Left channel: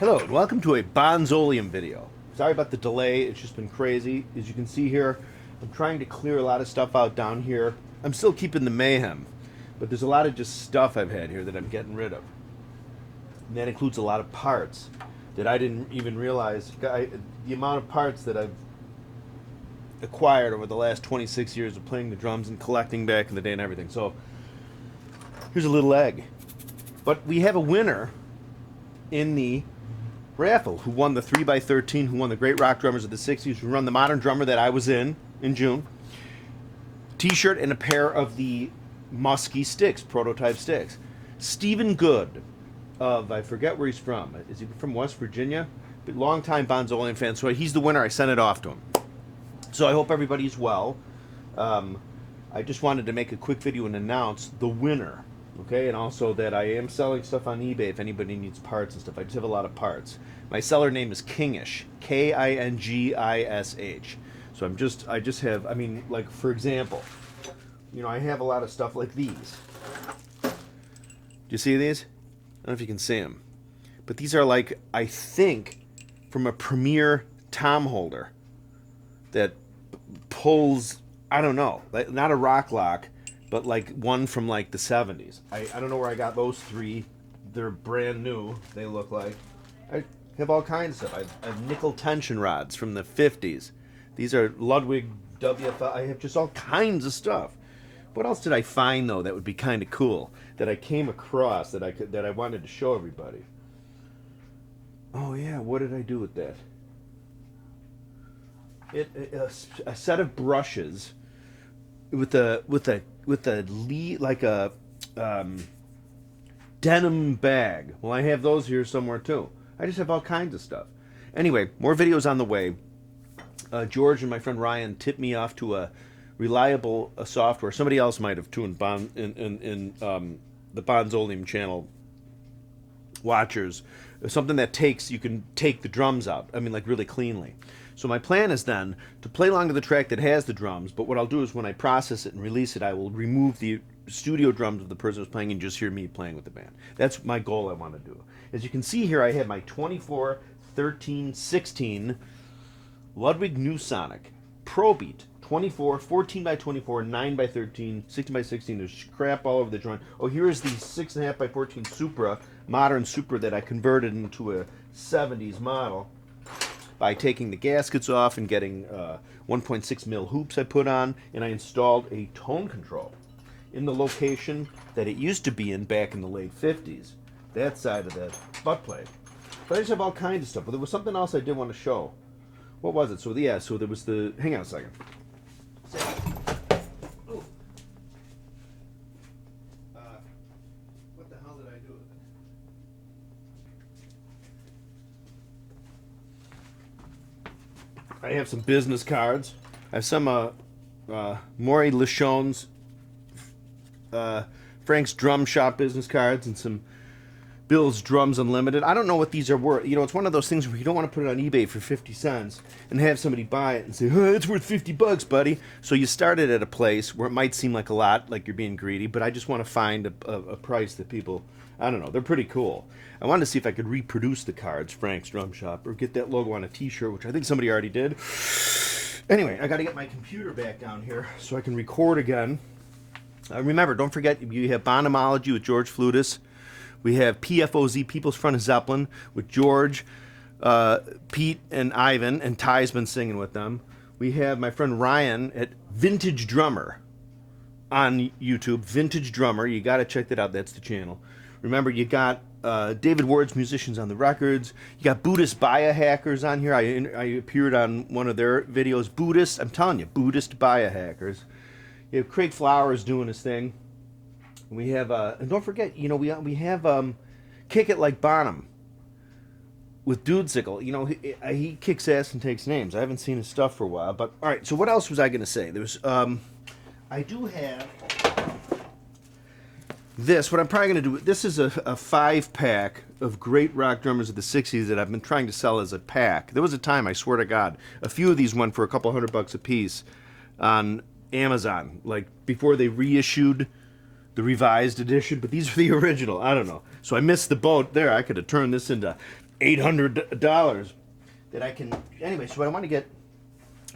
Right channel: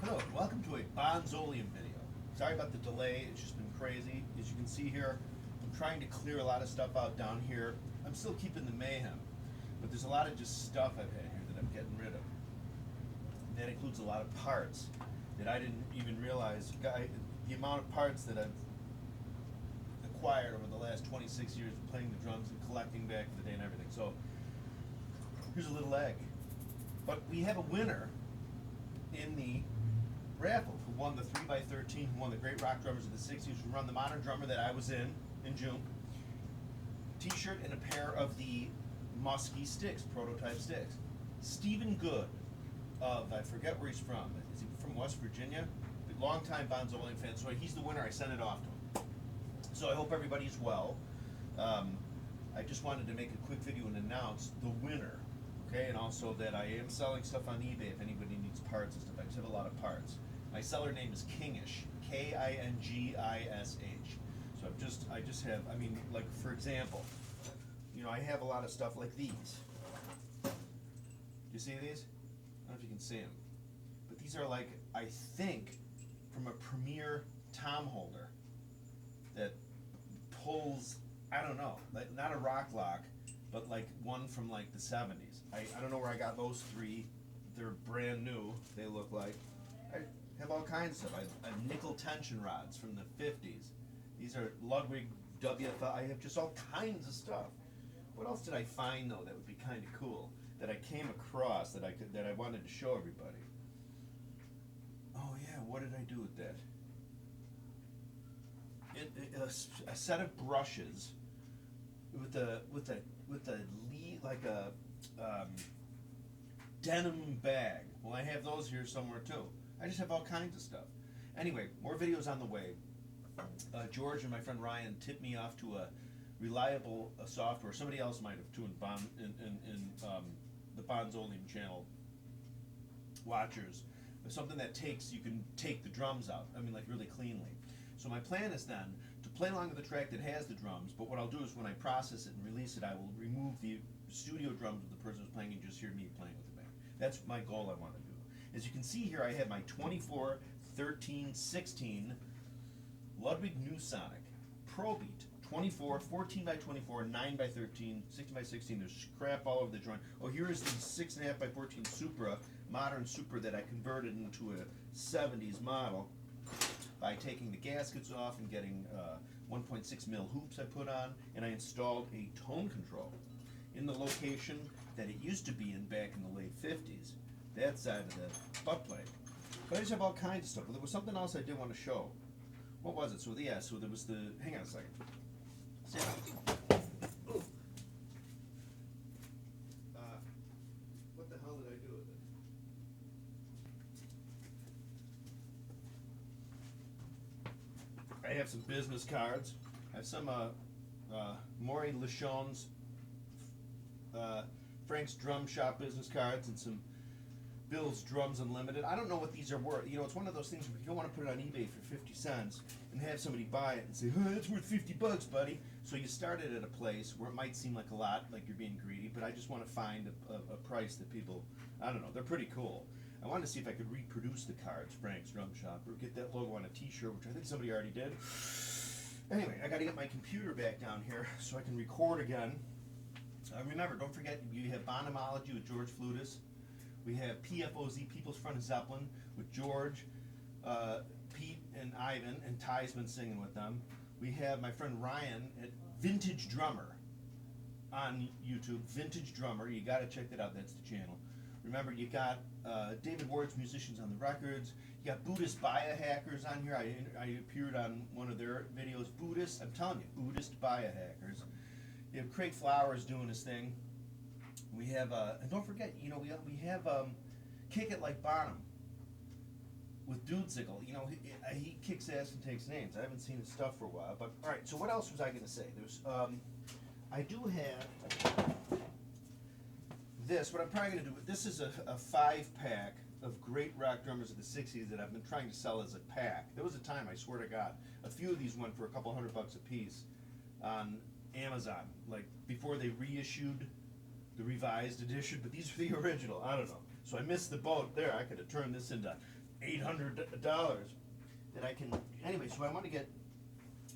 Hello and welcome to a Bonzoleum video. Sorry about the delay, it's just been crazy. As you can see here, I'm trying to clear a lot of stuff out down here. I'm still keeping the mayhem, but there's a lot of just stuff I've had here that I'm getting rid of. And that includes a lot of parts that I didn't even realize. The amount of parts that I've acquired over the last 26 years of playing the drums and collecting back in the day and everything. So here's a little egg. But we have a winner in the raffle who won the 3x13, who won the Great Rock Drummers of the 60s, who run the Modern Drummer that I was in June. T-shirt and a pair of the Muskie sticks, prototype sticks. Stephen Good of, I forget where he's from. Is he from West Virginia? But long-time Bonzoleum fan, so he's the winner. I sent it off to him. So I hope everybody's well. I just wanted to make a quick video and announce the winner. Okay, and also that I am selling stuff on eBay if anybody needs parts and stuff. I just have a lot of parts. My seller name is Kingish, Kingish. So I just have, I mean, like for example, you know, I have a lot of stuff like these. Do you see these? I don't know if you can see them, but these are like, I think, from a Premier tom holder that pulls, I don't know, like not a rock lock, but like one from like the 70s. I don't know where I got those three. They're brand new, they look like. I have all kinds of stuff. I have nickel tension rods from the 50s. These are Ludwig WFL. I have just all kinds of stuff. What else did I find though that would be kind of cool that I came across that I wanted to show everybody? Oh yeah, what did I do with that? A set of brushes with a like a denim bag. Well, I have those here somewhere too. I just have all kinds of stuff. Anyway, more videos on the way. George and my friend Ryan tipped me off to a reliable software. Somebody else might have too in the Bonzoleum channel watchers. Something that you can take the drums out. I mean, like really cleanly. So my plan is then to play along to the track that has the drums, but what I'll do is when I process it and release it, I will remove the studio drums of the person who's playing and just hear me playing with the band. That's my goal I want to do. As you can see here, I have my 24, 13, 16 Ludwig New Sonic Pro Beat 24, 14 by 24, 9 by 13, 16 by 16. There's crap all over the joint. Oh, here's the 6.5 by 14 Supra, modern Supra that I converted into a 70s model by taking the gaskets off and getting 1.6 mil hoops I put on, and I installed a tone control in the location that it used to be in back in the late 50s, that side of the butt plate. But I just have all kinds of stuff. But there was something else I did want to show. What was it? So yeah, so there was the, hang on a second. What the hell did I do with it? I have some business cards. I have some Maury Lachon's Frank's Drum Shop business cards and some Bill's Drums Unlimited. I don't know what these are worth. You know, it's one of those things where you don't want to put it on eBay for 50 cents and have somebody buy it and say, oh, it's worth 50 bucks, buddy. So you start it at a place where it might seem like a lot, like you're being greedy, but I just want to find a price that people, I don't know, they're pretty cool. I wanted to see if I could reproduce the cards, Frank's Drum Shop, or get that logo on a t-shirt, which I think somebody already did. Anyway, I got to get my computer back down here so I can record again. Remember, don't forget, you have Bonhomology with George Flutis. We have PFOZ, People's Front of Zeppelin, with George, Pete, and Ivan, and Ty's been singing with them. We have my friend Ryan at Vintage Drummer on YouTube. Vintage Drummer, you got to check that out. That's the channel. Remember, you got David Ward's Musicians on the Records. You got Buddhist biohackers on here. I appeared on one of their videos. Buddhist, I'm telling you, Buddhist biohackers. You have Craig Flowers doing his thing. We have, and don't forget, you know, we have Kick It Like Bonham with Dudesicle. You know, he kicks ass and takes names. I haven't seen his stuff for a while, but all right. So what else was I going to say? There's, I do have this. What I'm probably going to do. This is a 5-pack of great rock drummers of the '60s that I've been trying to sell as a pack. There was a time, I swear to God, a few of these went for a couple $100 a piece on Amazon, like before they reissued the revised edition, but these are the original. I don't know. So I missed the boat there. I could have turned this into $800 that I can. Anyway, so I want to get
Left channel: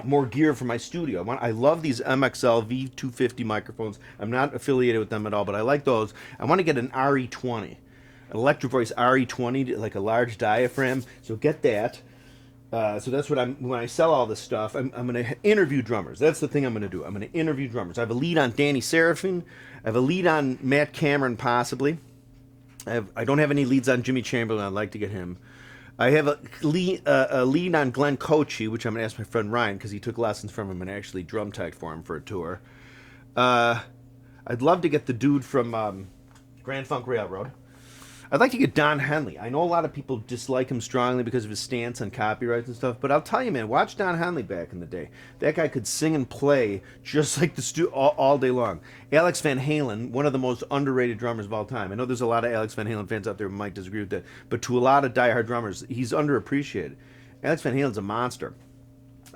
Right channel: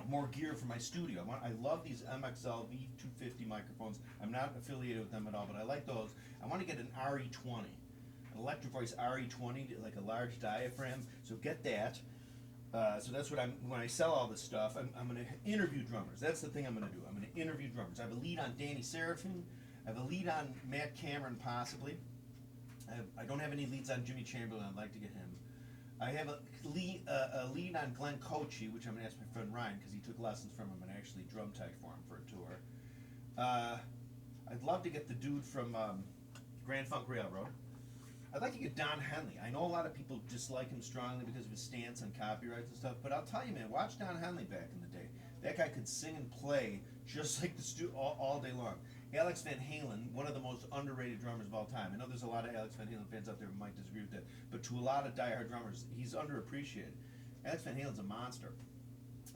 more gear for my studio. I love these MXL V250 microphones. I'm not affiliated with them at all, but I like those. I want to get an RE20, an Electro Voice RE20, like a large diaphragm. So get that. So that's what when I sell all this stuff, I'm going to interview drummers. That's the thing I'm going to do. I'm going to interview drummers. I have a lead on Danny Serafin. I have a lead on Matt Cameron, possibly. I don't have any leads on Jimmy Chamberlain. I'd like to get him. I have a lead on Glenn Coachy, which I'm going to ask my friend Ryan, because he took lessons from him and actually drum tech for him for a tour. I'd love to get the dude from Grand Funk Railroad. I'd like to get Don Henley. I know a lot of people dislike him strongly because of his stance on copyrights and stuff, but I'll tell you, man, watch Don Henley back in the day. That guy could sing and play just like the all day long. Alex Van Halen, one of the most underrated drummers of all time. I know there's a lot of Alex Van Halen fans out there who might disagree with that, but to a lot of diehard drummers, he's underappreciated. Alex Van Halen's a monster.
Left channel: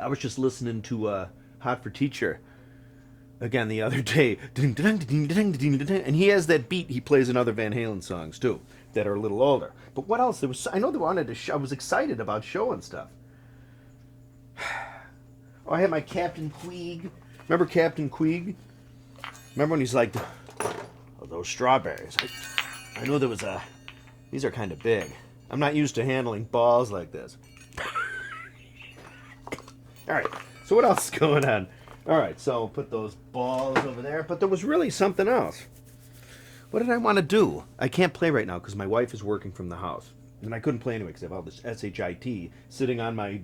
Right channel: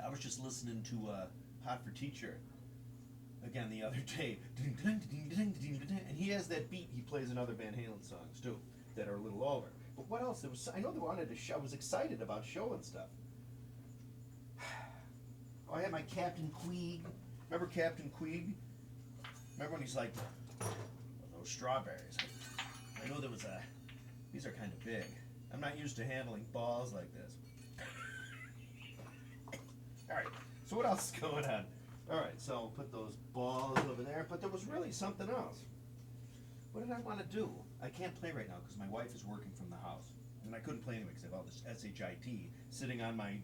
I was just listening to Hot for Teacher again the other day, and he has that beat he plays in other Van Halen songs too that are a little older. But what else? I know they wanted to show. I was excited about showing stuff. Oh, I had my Captain Queeg. Remember Captain Queeg? Remember when he's like, oh, those strawberries. I know there was a. These are kind of big. I'm not used to handling balls like this. All right. So what else is going on? All right. So I'll put those balls over there. But there was really something else. What did I want to do? I can't play right now because my wife is working from the house. And I couldn't play anyway because I have all this SHIT sitting on my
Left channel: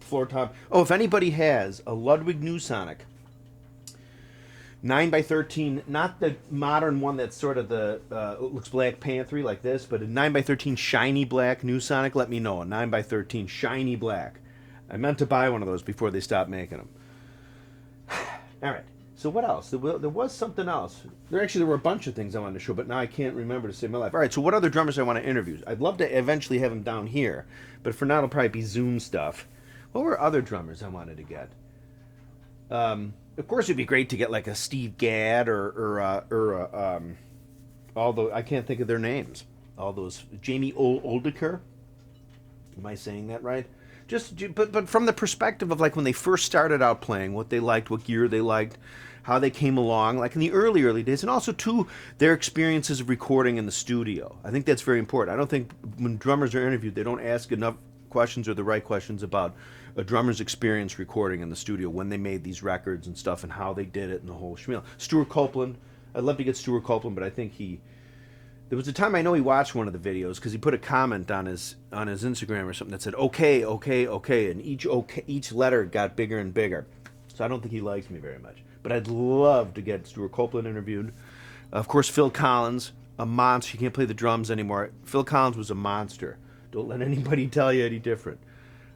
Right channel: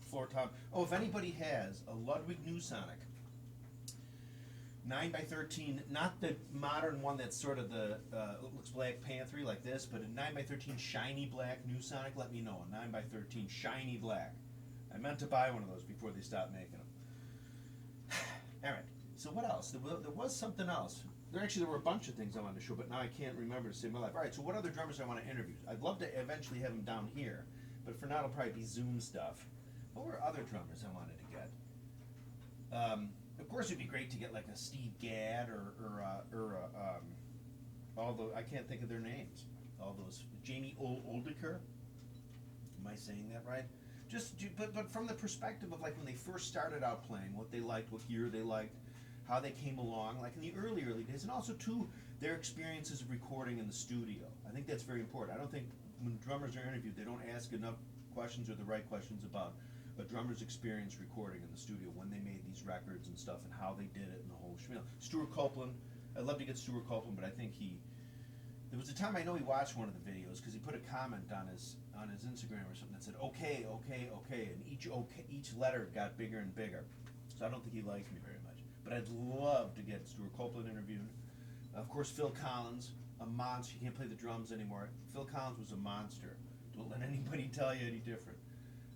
floor top. Oh, if anybody has a Ludwig Newsonic 9x13, not the modern one that's sort of the, looks Black Panther-y like this, but a 9x13 shiny black Newsonic, let me know. A 9x13 shiny black. I meant to buy one of those before they stopped making them. All right. So what else? There was something else. There were a bunch of things I wanted to show, but now I can't remember to save my life. All right, so what other drummers I want to interview? I'd love to eventually have them down here, but for now it'll probably be Zoom stuff. What were other drummers I wanted to get? Of course, it'd be great to get like a Steve Gadd although I can't think of their names. All those Jamie Oldeker. Am I saying that right? But from the perspective of like when they first started out playing, what they liked, what gear they liked, how they came along, like in the early days, and also too their experiences of recording in the studio. I think that's very important. I don't think when drummers are interviewed, they don't ask enough questions or the right questions about a drummer's experience recording in the studio when they made these records and stuff and how they did it and the whole schmeal. Stewart Copeland, I'd love to get Stewart Copeland, but I think there was a time I know he watched one of the videos because he put a comment on his Instagram or something that said okay, and each letter got bigger and bigger. So I don't think he likes me very much. But I'd love to get Stewart Copeland interviewed. Of course, Phil Collins, a monster. He can't play the drums anymore. Phil Collins was a monster. Don't let anybody tell you any different.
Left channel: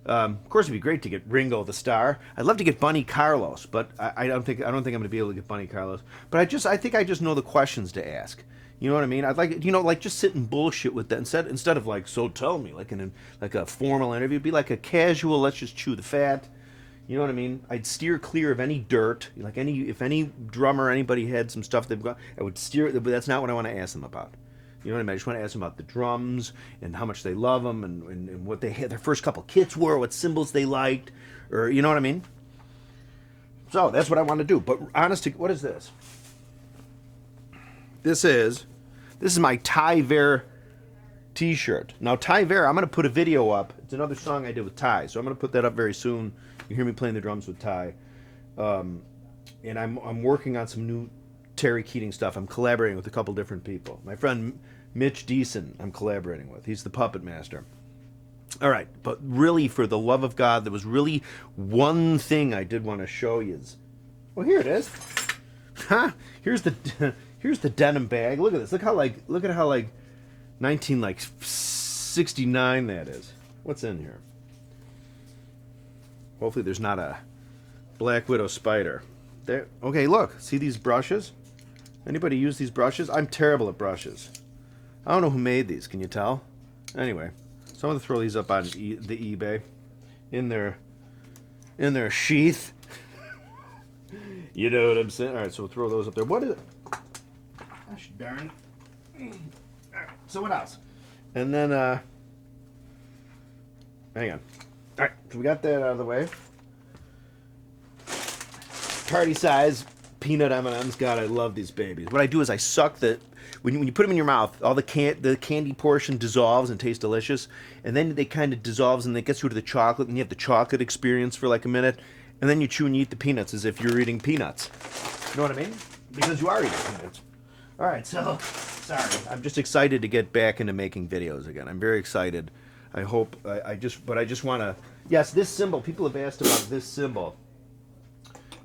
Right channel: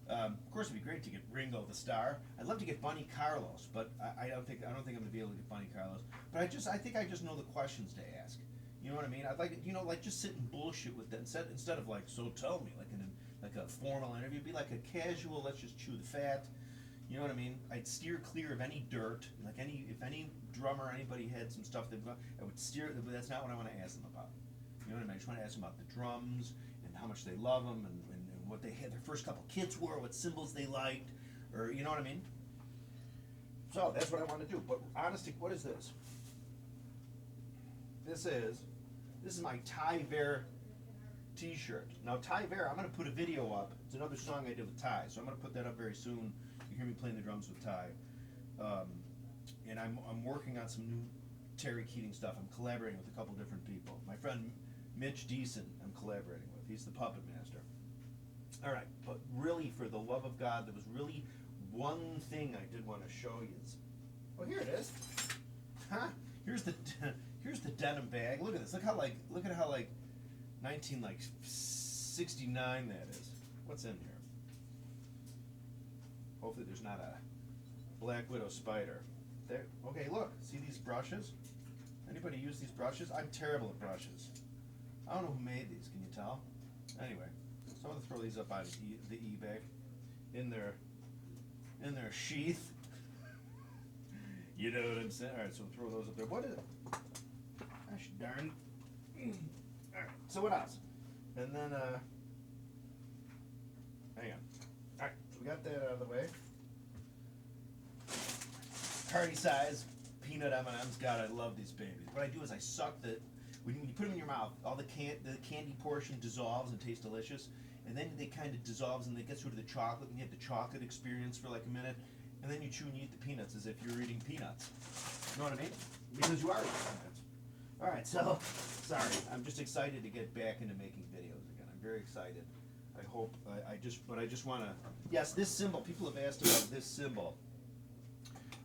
Of course, it'd be great to get Ringo the Star. I'd love to get Bunny Carlos, but I don't think I'm going to be able to get Bunny Carlos. But I think I just know the questions to ask. You know what I mean? I'd like, like just sit and bullshit with that instead of like, so tell me, like a formal interview. It'd be like a casual, let's just chew the fat. You know what I mean? I'd steer clear of any dirt. Like if any drummer, anybody had some stuff they've got, I would steer. But that's not what I want to ask them about. You know what I mean? I just want to ask them about the drums and how much they love them and what they had their first couple kits were, what cymbals they liked, or you know what I mean? So that's what I want to do. But honestly, what is this? This is my Ty Ver t-shirt. Now Ty Ver, I'm going to put a video up. It's another song I did with Ty, so I'm going to put that up very soon. You hear me playing the drums with Ty. And I'm working on some new Terry Keating stuff. I'm collaborating with a couple different people. My friend Mitch Deason I'm collaborating with. He's the puppet master. All right, but really, for the love of God, there was really one thing I did want to show you. Well, here it is. Here's the denim bag. Look at this. Look at how 1969 that is. What's in here? Hopefully there's not a Black Widow spider. There. Okay, look. See these brushes? Anybody use these brushes? I'm terrible at brushes. I don't know who made these. Can you tell? Anyway, so I'm going to throw these up on the eBay in their sheath. You know what I'm saying? All right, so we'll throw those up there. What is it? Gosh darn. All right, so what else? And then Hang on. All right, so we got that out of the way. Party size peanut M&Ms. God, I love these babies. What I do is I suck the when you put them in your mouth, all the candy portion dissolves and tastes delicious, and then they kind of dissolves and it gets you to the chocolate, and you have the chocolate experience for like a minute, and then you chew and you eat the peanuts as if you're eating peanuts. You know what I mean? Because you are eating peanuts. All right, so sorry, I'm just excited to get back into making videos again. I'm very excited. I hope I just want to. Yes, this cymbal. People have asked about this cymbal.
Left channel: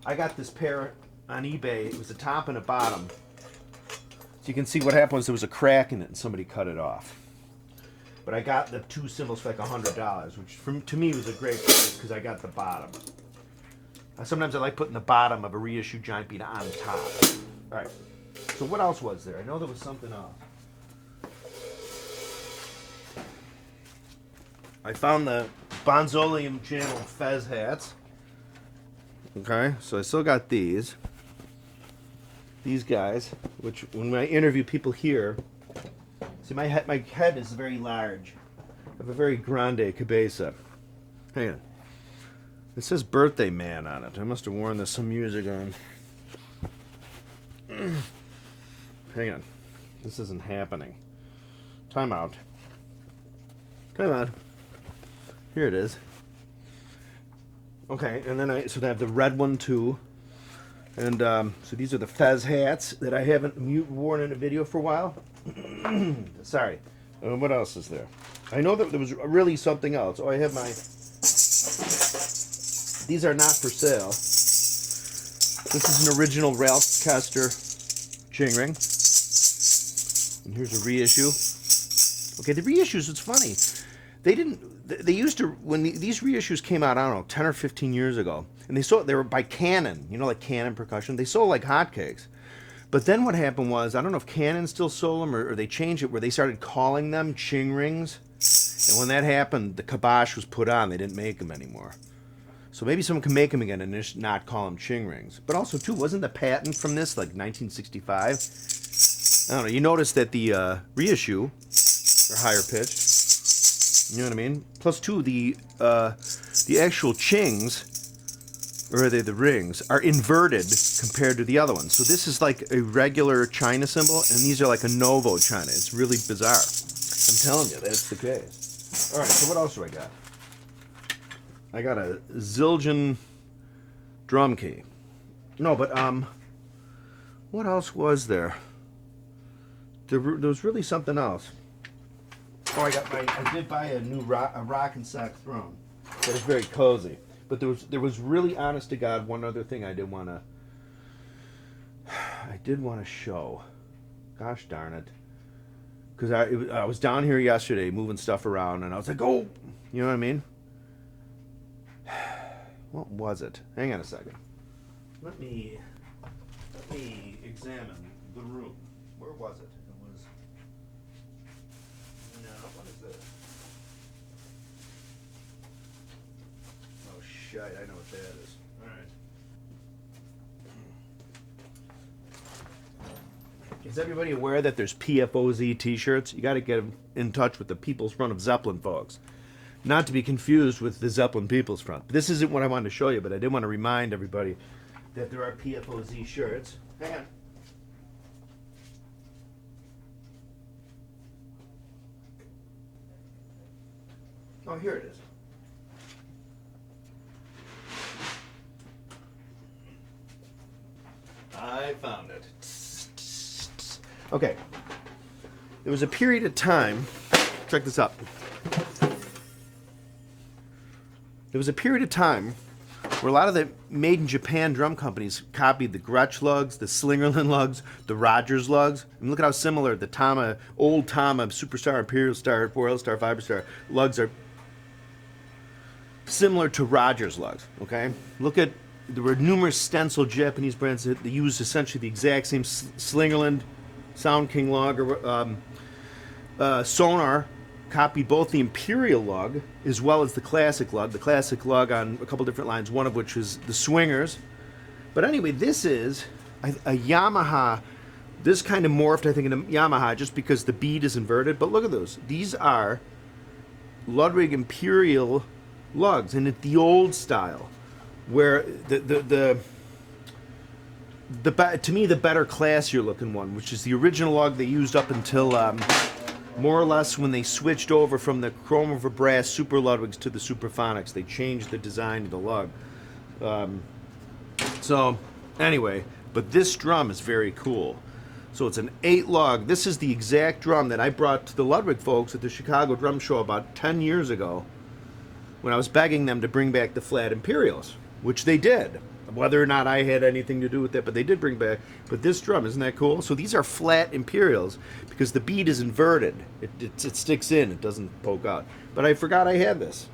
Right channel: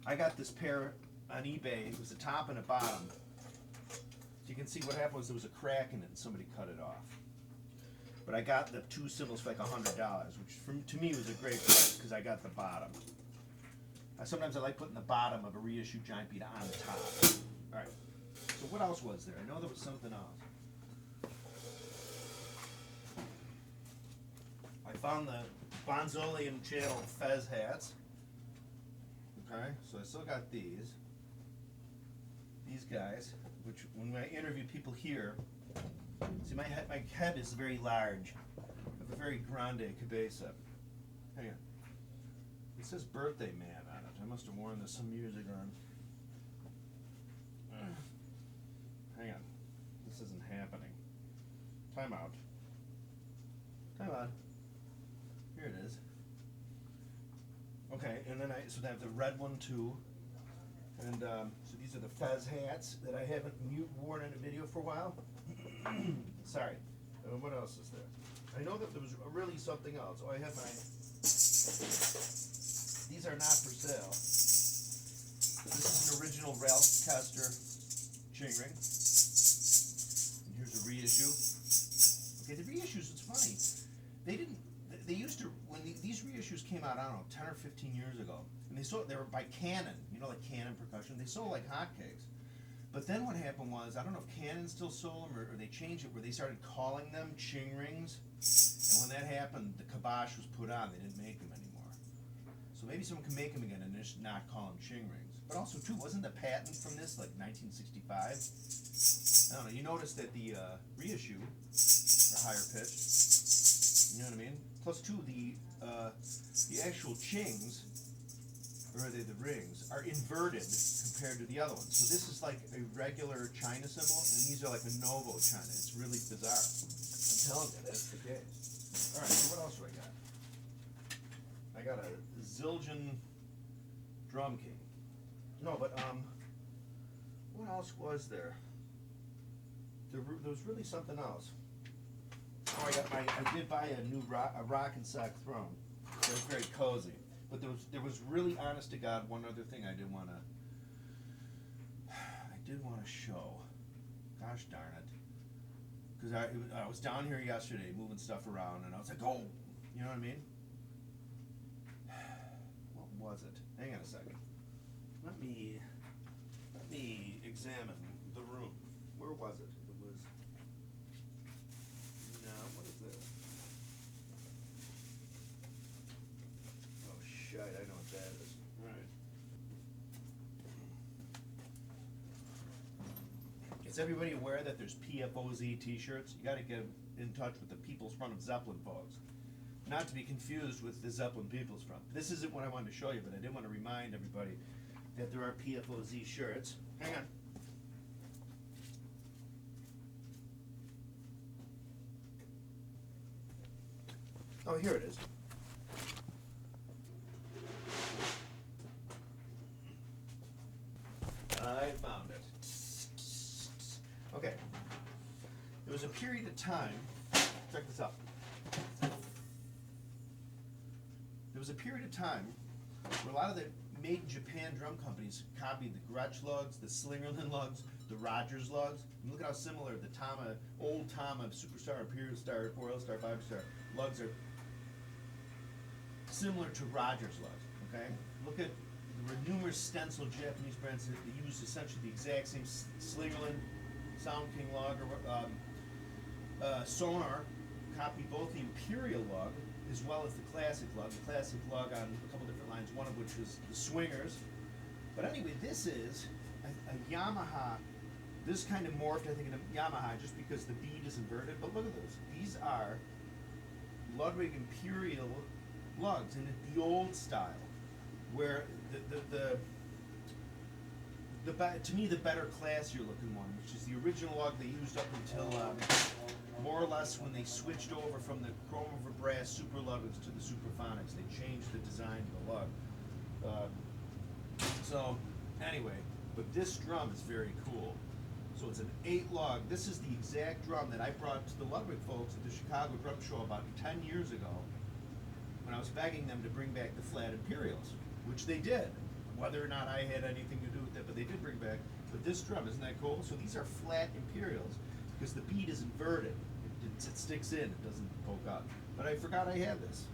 I got this pair on eBay. It was a top and a bottom. So you can see what happened was there was a crack in it and somebody cut it off. But I got the two cymbals for like $100, which to me was a great price because I got the bottom. Sometimes I like putting the bottom of a reissue giant beat on top. All right. So what else was there? I know there was something else. I found the Bonzoleum channel Fez hats. Okay, so I still got these. These guys, which when I interview people here, see my head is very large. I have a very grande cabeza. Hang on. It says Birthday Man on it. I must have worn this some years ago. Hang on. This isn't happening. Time out. Time out. Here it is. Okay, and then I have the red one too. And so these are the Fez hats that I haven't worn in a video for a while. Sorry. What else is there? I know that there was really something else. Oh, I have my... These are not for sale. This is an original Ralph Kester ching ring. And here's a reissue. Okay, the reissues, it's funny. They used to, when these reissues came out, I don't know, 10 or 15 years ago, and they were by Canon, you know, like Canon percussion. They sold like hotcakes. But then what happened was, I don't know if Canon still sold them or they changed it where they started calling them ching rings. And when that happened, the kibosh was put on. They didn't make them anymore. So maybe someone can make them again and just not call them ching rings. But also, too, wasn't the patent from this like 1965? I don't know. You notice that the reissue are higher pitched. You know what I mean? Plus, too, the actual chings, or are they the rings, are inverted compared to the other ones. So this is like a regular China cymbal, and these are like a Novo China. It's really bizarre. I'm telling you, that's the case. All right, so what else do I got? I got a Zildjian drum key. No, but what else was there? There was really something else. Oh, I did buy a new rock and sack throne. That was very cozy. But there was really, honest to God, one other thing I did want to show. Gosh darn it. Because I was down here yesterday moving stuff around, and I was like, oh, you know what I mean? What was it? Hang on a second. Let me examine the room. Where was it? It was... No, what is this? Oh, shit, I know what that is. All right. Is everybody aware that there's PFOZ t-shirts? You got to get in touch with the People's Front of Zeppelin folks. Not to be confused with the Zeppelin People's Front. This isn't what I wanted to show you, but I did want to remind everybody that there are PFOZ shirts. Hang on. Oh, here it is. I found it. Okay. There was a period of time, check this out. There was a period of time where a lot of the made in Japan drum companies copied the Gretsch lugs, the Slingerland lugs, the Rogers lugs. And look at how similar the Tama, old Tama, Superstar, Imperial Star, Royal Star, Fiber Star lugs are similar to Rogers lugs, okay? There were numerous stencil Japanese brands that they used essentially the exact same Slingerland, Sound King lug, or Sonar copied both the Imperial lug as well as the classic lug. The classic lug on a couple different lines, one of which is the Swingers. But anyway, this is a Yamaha. This kind of morphed, I think, into Yamaha just because the bead is inverted. But look at those. These are Ludwig Imperial lugs, and it's the old style, where to me the better, classier looking one, which is the original lug they used up until more or less when they switched over from the chrome over brass Super Ludwigs to the Superphonics. They changed the design of the lug. So anyway, but this drum is very cool. So it's an 8 lug. This is the exact drum that I brought to the Ludwig folks at the Chicago Drum Show about 10 years ago, when I was begging them to bring back the flat Imperials, which they did. Whether or not I had anything to do with that, but they did bring back. But this drum, isn't that cool? So these are flat Imperials because the bead is inverted. It sticks in. It doesn't poke out. But I forgot I had this.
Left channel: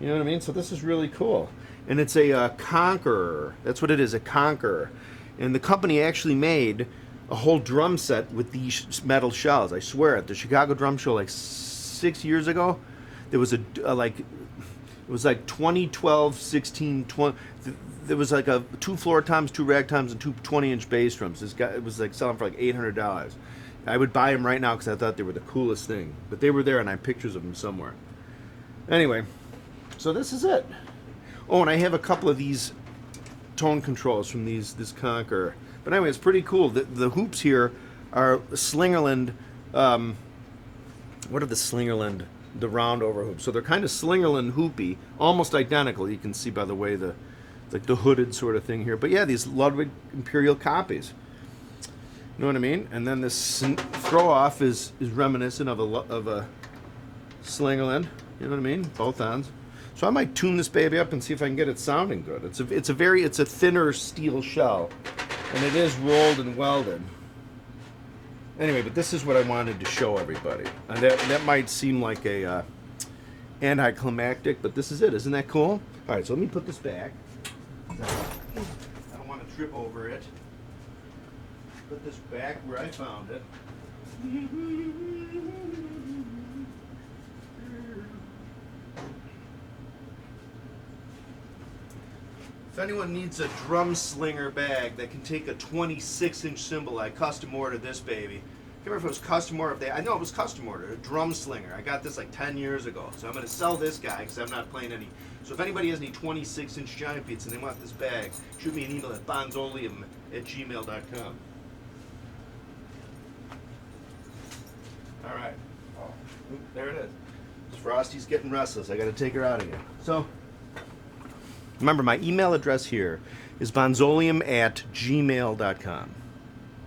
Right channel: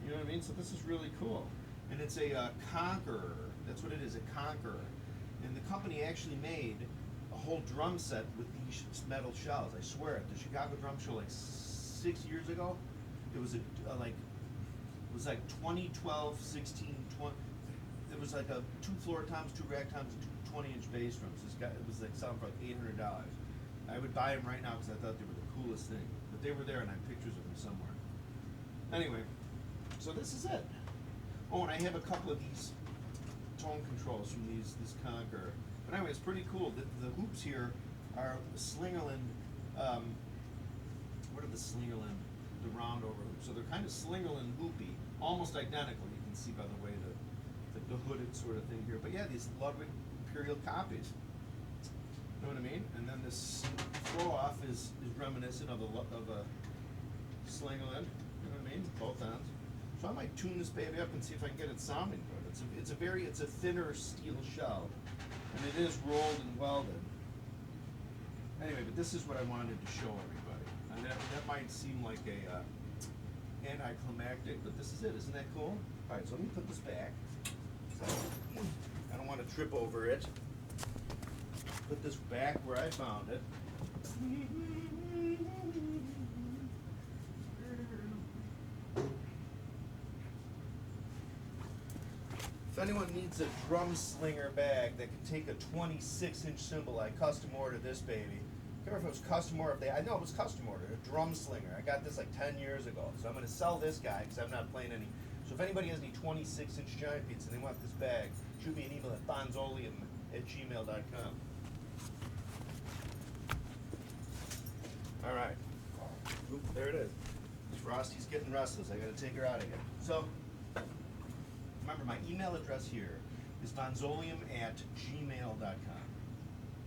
You know what I mean? So this is really cool. And it's a Conqueror. That's what it is, a Conqueror. And the company actually made a whole drum set with these metal shells. I swear, at the Chicago Drum Show like 6 years ago, there was it was like 20, 12, 16, 20. There was like a 2 floor toms, 2 rag toms, and 2 20-inch bass drums. This guy, it was like selling for like $800. I would buy them right now because I thought they were the coolest thing. But they were there, and I have pictures of them somewhere. Anyway, so this is it. Oh, and I have a couple of these tone controls from this Conqueror. But anyway, it's pretty cool. The hoops here are Slingerland. What are the Slingerland? The round over hoops. So they're kind of Slingerland hoopy, almost identical. You can see by the way like the hooded sort of thing here. But yeah, these Ludwig Imperial copies. You know what I mean? And then this throw off is reminiscent of a Slingerland. You know what I mean? Both ends. So I might tune this baby up and see if I can get it sounding good. It's a thinner steel shell, and it is rolled and welded. Anyway, but this is what I wanted to show everybody. And that might seem like a anticlimactic, but this is it. Isn't that cool? All right, so let me put this back. I don't want to trip over it. Put this back where I found it. If anyone needs a drum slinger bag that can take a 26-inch cymbal, I custom ordered this baby. I can't remember if it was custom ordered. I know it was custom ordered. A drum slinger. I got this like 10 years ago. So I'm going to sell this guy because I'm not playing any. So if anybody has any 26-inch giant beats and they want this bag, shoot me an email at bonzoleum@gmail.com. All right. Oh, there it is. Frosty's getting restless. I got to take her out again. So remember, my email address here is bonzoleum@gmail.com.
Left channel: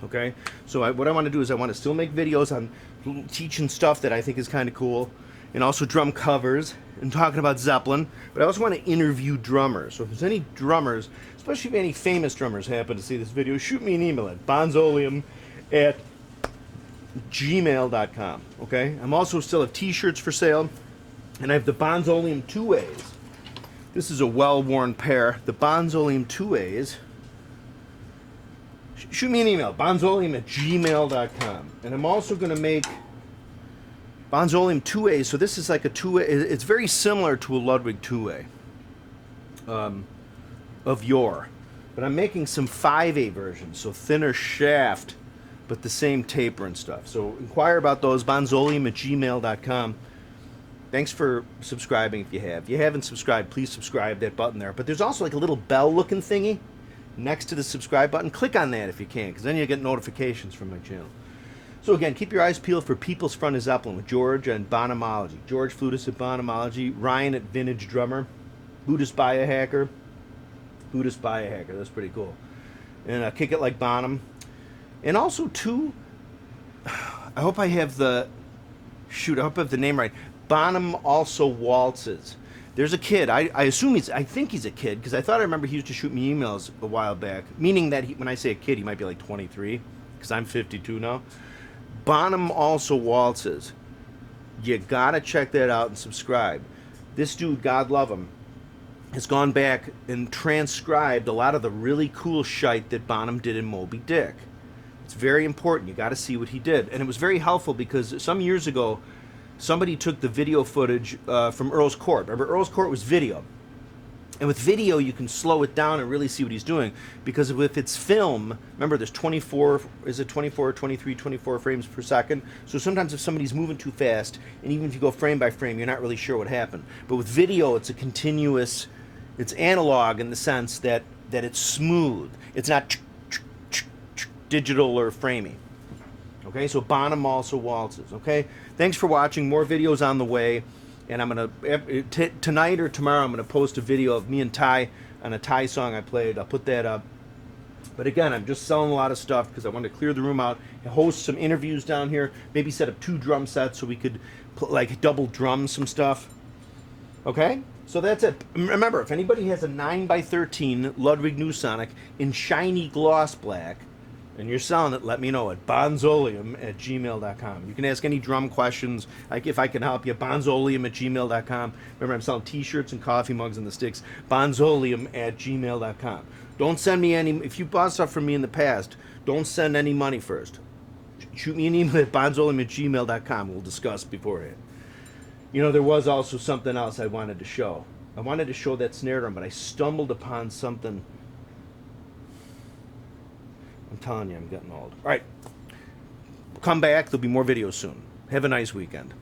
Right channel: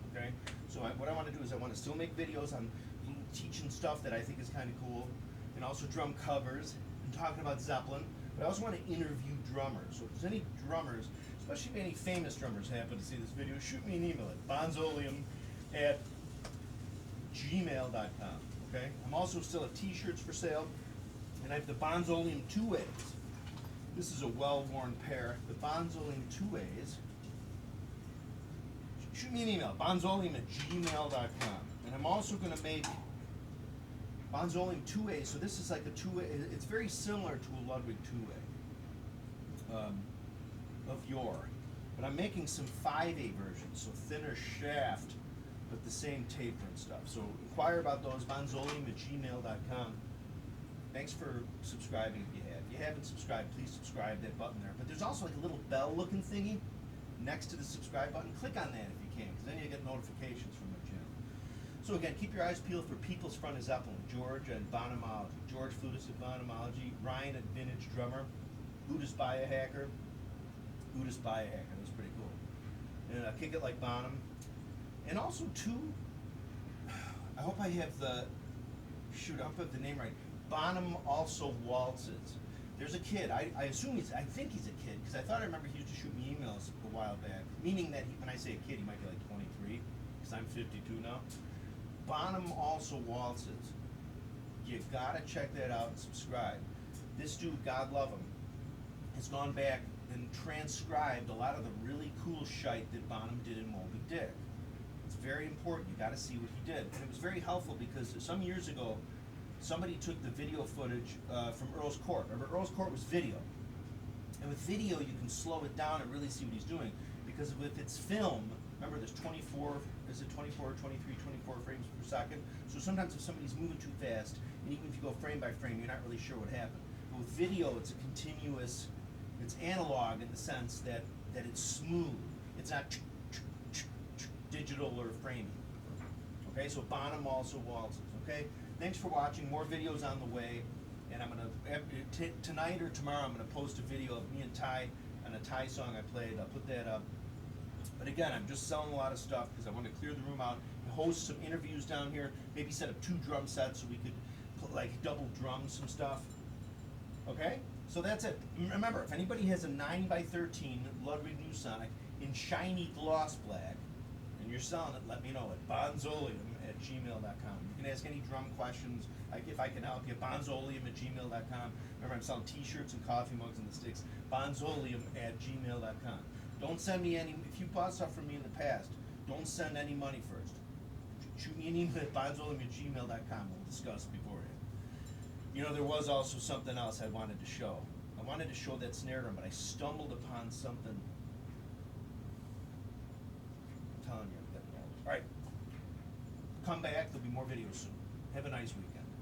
Okay? So what I want to do is I want to still make videos on teaching stuff that I think is kind of cool, and also drum covers and talking about Zeppelin. But I also want to interview drummers. So if there's any drummers, especially if any famous drummers happen to see this video, shoot me an email at bonzoleum@gmail.com. Okay? I'm also still have t-shirts for sale, and I have the Bonzoleum 2As. This is a well-worn pair. The Bonzoleum 2As. Shoot me an email, bonzoleum@gmail.com. And I'm also going to make Bonzoleum 2As. So this is like a 2A. It's very similar to a Ludwig 2A of yore. But I'm making some 5A versions, so thinner shaft, but the same taper and stuff. So inquire about those, bonzoleum@gmail.com. Thanks for subscribing if you have. If you haven't subscribed, please subscribe, that button there. But there's also like a little bell-looking thingy next to the subscribe button. Click on that if you can, because then you'll get notifications from my channel. So again, keep your eyes peeled for People's Front of Zeppelin with George and Bonhomology. George Flutist at Bonhomology, Ryan at Vintage Drummer, Buddhist Biohacker. Buddhist Biohacker, that's pretty cool. And Kick It Like Bonham. And also, too, I hope I have the name right. Bonham Also Waltzes. There's a kid. I think he's a kid, because I thought I remember he used to shoot me emails a while back. Meaning that when I say a kid, he might be like 23, because I'm 52 now. Bonham Also Waltzes. You gotta check that out and subscribe. This dude, God love him, has gone back and transcribed a lot of the really cool shite that Bonham did in Moby Dick. It's very important. You gotta see what he did. And it was very helpful because some years ago, somebody took the video footage from Earl's Court. Remember, Earl's Court was video. And with video, you can slow it down and really see what he's doing. Because if it's film, remember there's 24, is it 24, 23, 24 frames per second? So sometimes if somebody's moving too fast, and even if you go frame by frame, you're not really sure what happened. But with video, it's a continuous, it's analog in the sense that it's smooth. It's not digital or framing. Okay, so Bonham also waltzes. Okay, thanks for watching. More videos on the way. And I'm going to, tonight or tomorrow, I'm going to post a video of me and Ty on a Ty song I played. I'll put that up. But again, I'm just selling a lot of stuff because I want to clear the room out, host some interviews down here, maybe set up 2 drum sets so we could, like, double drum some stuff. Okay? So that's it. Remember, if anybody has a 9x13 Ludwig New Sonic in shiny gloss black, and you're selling it, let me know at bonzoleum@gmail.com. You can ask any drum questions, like if I can help you, bonzoleum@gmail.com. Remember, I'm selling t-shirts and coffee mugs and the sticks, bonzoleum@gmail.com. Don't send me any, if you bought stuff from me in the past, don't send any money first. Shoot me an email at bonzoleum@gmail.com. We'll discuss beforehand. You know, there was also something else I wanted to show. I wanted to show that snare drum, but I stumbled upon something. I'm telling you, I'm getting old. All right. Come back. There'll be more videos soon. Have a nice weekend.